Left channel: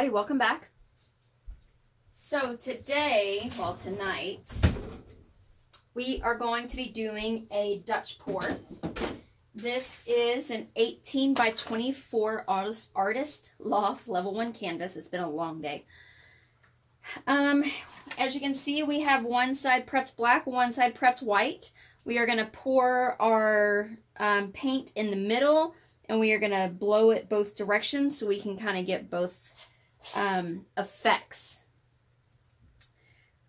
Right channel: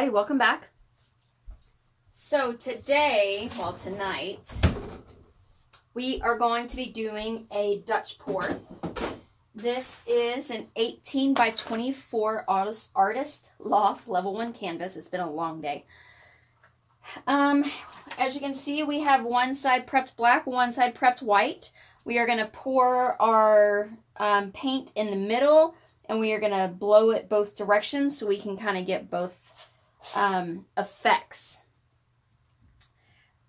everybody, welcome back. So today, well tonight, we are going to be doing a Dutch pour. This is an 18 by 24 artist loft level 1 canvas. It's been a long day. As you can see, we have one side prepped black, one side prepped white. We are going to pour our paint in the middle, and we are going to blow it both directions so we can kind of get both effects.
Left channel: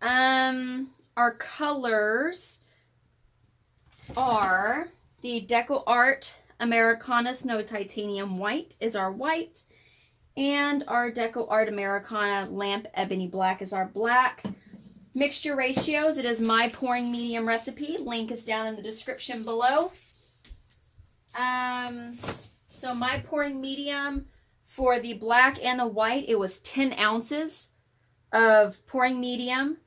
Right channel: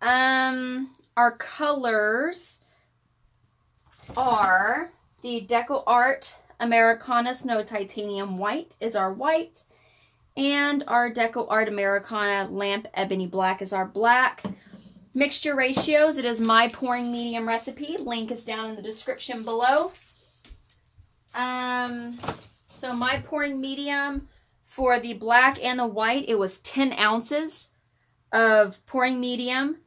Our colors are the DecoArt Americana Snow Titanium White is our white, and our DecoArt Americana Lamp Ebony Black is our black. Mixture ratios, it is my pouring medium recipe. Link is down in the description below. So my pouring medium for the black and the white, it was 10 ounces of pouring medium,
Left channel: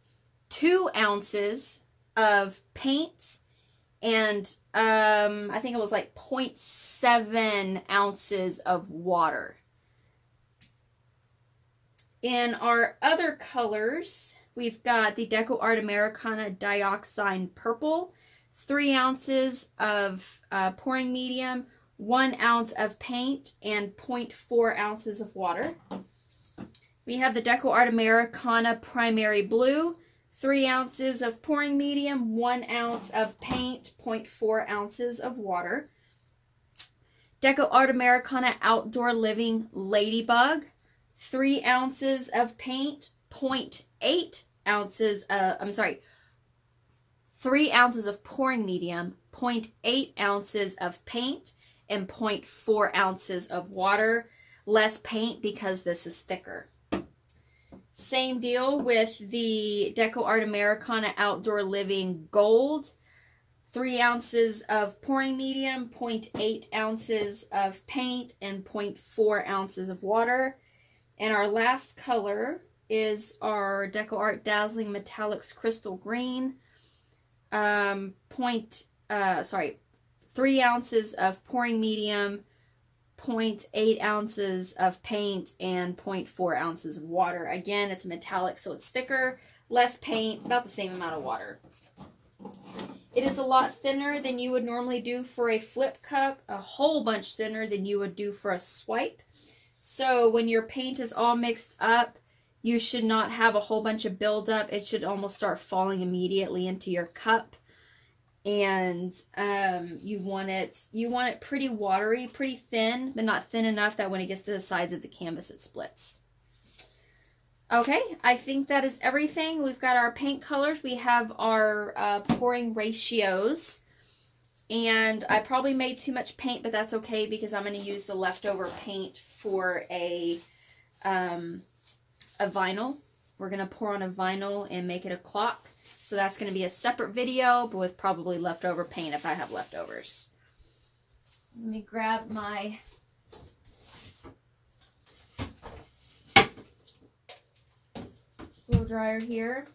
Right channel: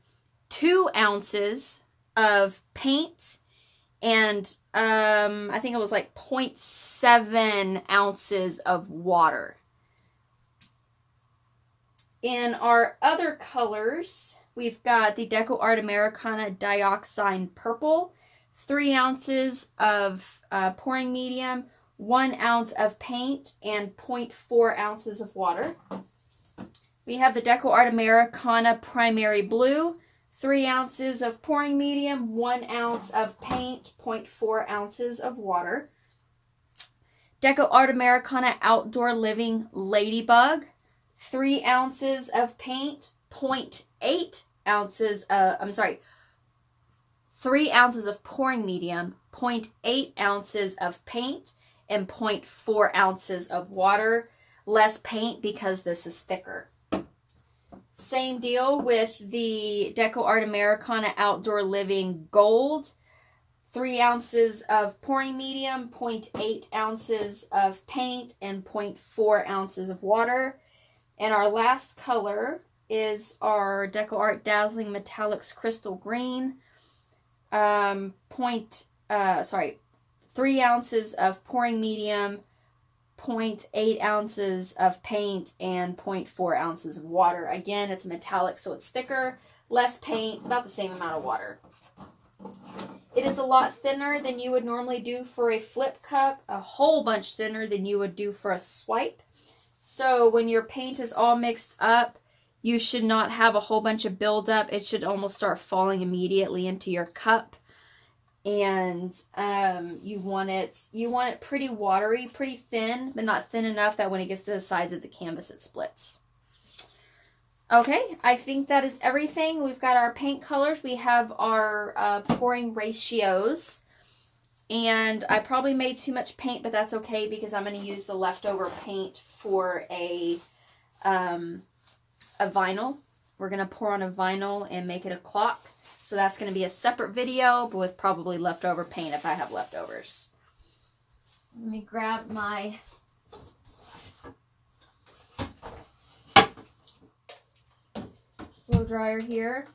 2 ounces of paint, and I think it was like 0.7 ounces of water. In our other colors, we've got the DecoArt Americana Dioxine Purple, 3 ounces of pouring medium, 1 ounce of paint, and 0.4 ounces of water. We have the DecoArt Americana Primary Blue, 3 ounces of pouring medium, 1 ounce of paint, 0.4 ounces of water. DecoArt Americana Outdoor Living Ladybug, 3 ounces of paint, 0.8 ounces, 3 ounces of pouring medium, 0.8 ounces of paint, and 0.4 ounces of water. Less paint because this is thicker. Same deal with the DecoArt Americana Outdoor Living Gold. 3 ounces of pouring medium, 0.8 ounces of paint, and 0.4 ounces of water. And our last color is our DecoArt Dazzling Metallics Crystal Green. 3 ounces of pouring medium, 0.8 ounces of paint, and 0.4 ounces of water. Again, it's metallic, so it's thicker, less paint, about the same amount of water. It is a lot thinner than you would normally do for a flip cup, a whole bunch thinner than you would do for a swipe. So when your paint is all mixed up, you should not have a whole bunch of buildup. It should almost start falling immediately into your cup. And you want it pretty watery, pretty thin, but not thin enough that when it gets to the sides of the canvas it splits. Okay, I think that is everything. We've got our paint colors. We have our pouring ratios. And I probably made too much paint, but that's okay because I'm going to use the leftover paint for a vinyl. We're going to pour on a vinyl and make it a clock. So that's going to be a separate video, but with probably leftover paint if I have leftovers. Let me grab my blow dryer here.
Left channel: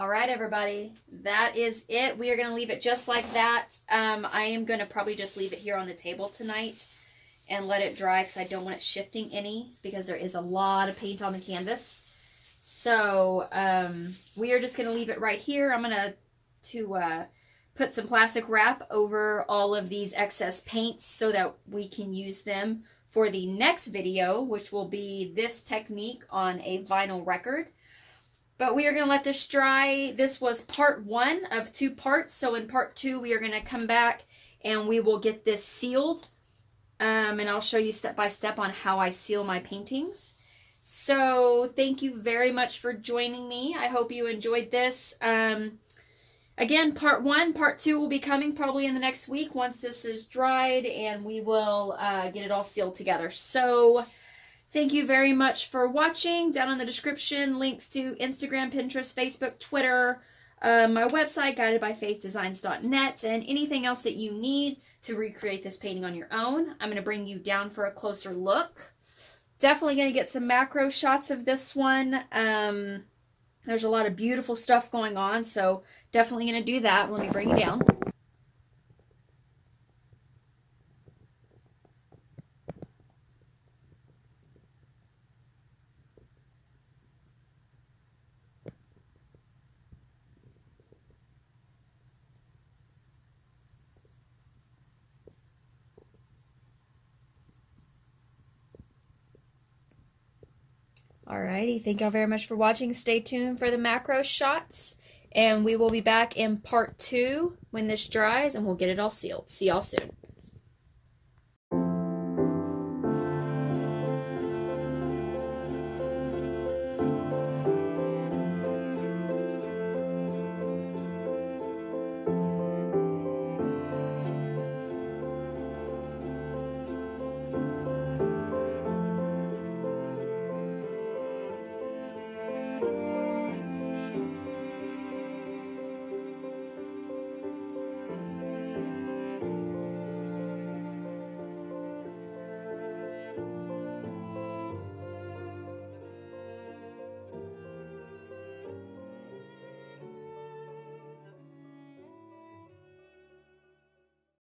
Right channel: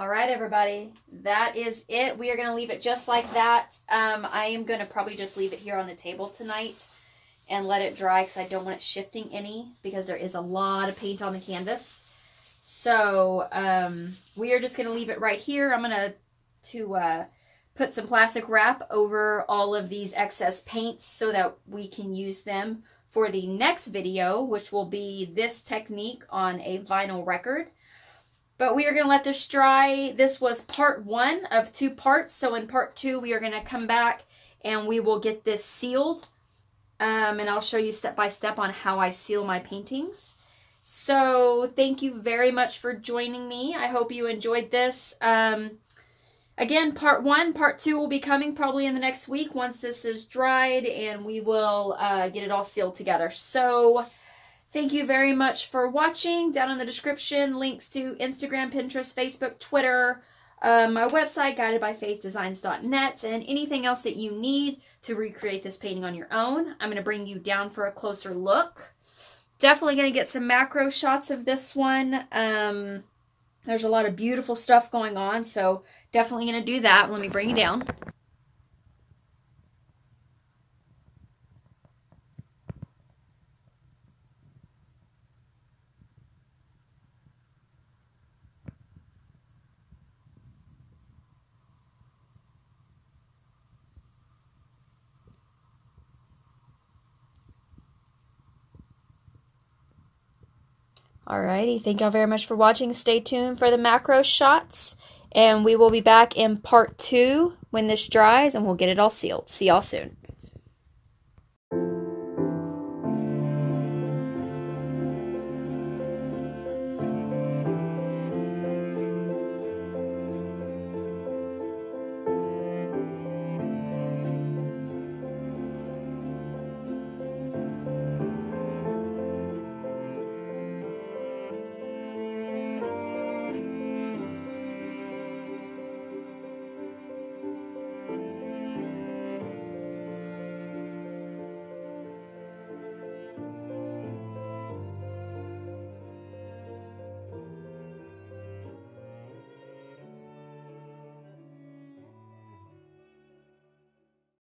All right, everybody, that is it. We are going to leave it just like that. I am going to probably just leave it here on the table tonight and let it dry because I don't want it shifting any because there is a lot of paint on the canvas. So we are just going to leave it right here. I'm going to put some plastic wrap over all of these excess paints so that we can use them for the next video, which will be this technique on a vinyl record. But we are going to let this dry. This was part 1 of 2 parts. So in part 2, we are going to come back and we will get this sealed. And I'll show you step by step on how I seal my paintings. So thank you very much for joining me. I hope you enjoyed this. Again, part 1, part 2 will be coming probably in the next week once this is dried and we will get it all sealed together. So thank you very much for watching. Down in the description, links to Instagram, Pinterest, Facebook, Twitter, my website, guidedbyfaithdesigns.net, and anything else that you need to recreate this painting on your own. I'm going to bring you down for a closer look. Definitely going to get some macro shots of this one. There's a lot of beautiful stuff going on, so definitely going to do that. Let me bring you down. Alrighty, thank y'all very much for watching. Stay tuned for the macro shots, and we will be back in part 2 when this dries, and we'll get it all sealed. See y'all soon.